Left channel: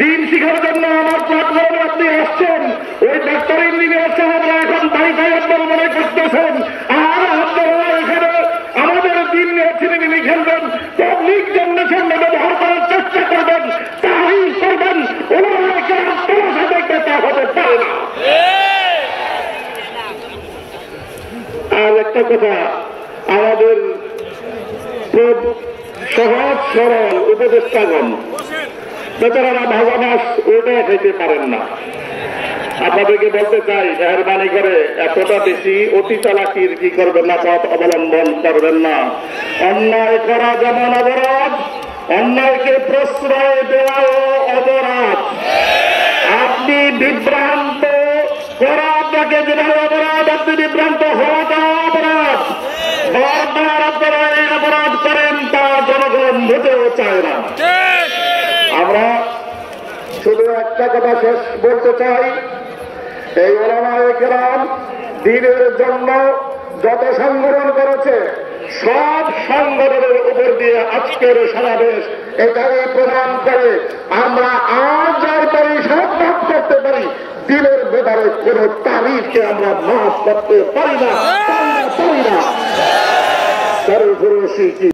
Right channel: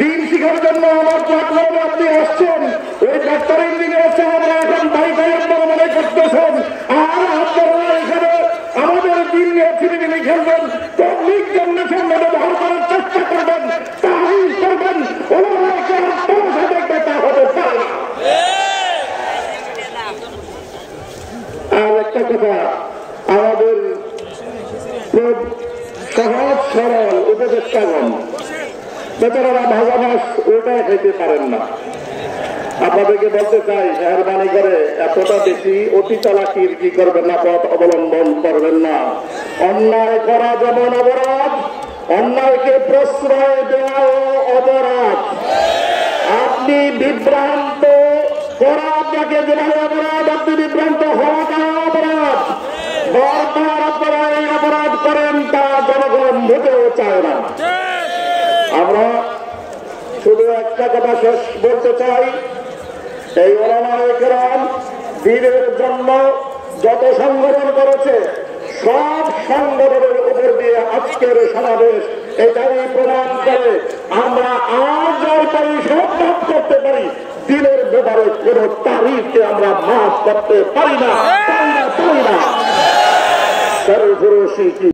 দিন শিখার জন্য আমার প্ল্যাটফর্মে আপনি আসছেন, ওই ডাক্তার ইঞ্জিনিয়ার সাহেবরা এখন বাড়িতে আপনারা মনে করতেছেন আর আপনারা এখানে আমাদের দিন নিয়ে ছিনিমিনি খেলবেন, পাবলিক জেনারেশন ব্যবহার করার চেষ্টা করবেন, তাহিল করবেন, ওনাকে আপনারা সাথে কথা হতে পারে না। আর একটা কথা, আমাদের খুব সহজ সরল উপদেষ্টাগণ বেচারারা ভাজা মাছ ওটাও খেতে পারেন না। আপনাদেরকে বলতে চাই, মেহরবানি করে এতটা বেশি অতি চালাকির কি করবেন না, পথ অবলম্বন করবেন না। অন্যায় করা যেমন অপরাধ, অন্যায়কে প্রশ্রয় দেওয়াও অপরাধ। আপনি বিভ্রান্ত করা আপনাকে যেভাবে অপরাধ, আপনি বিভ্রান্ত হওয়াটাও অপরাধ। বারবার আপনারা এই অপরাধ করেন, তা জনগণ হতেও চায় না। আমরা শুধু একটা কথা শেষ বলতে চাই, এই ওলামায়ে কেরাম দ্বীনের জন্য যত সংগঠন করেছে, সব সংগঠনের উপর দিয়ে আজকের সমাবেশ এটাই প্রমাণ করে। আমরা আজ আর পারি সব মাফ করতে পারি, দিনের ব্যাপারে কোন তারিখকে আমরা মাফ করতে পারি না।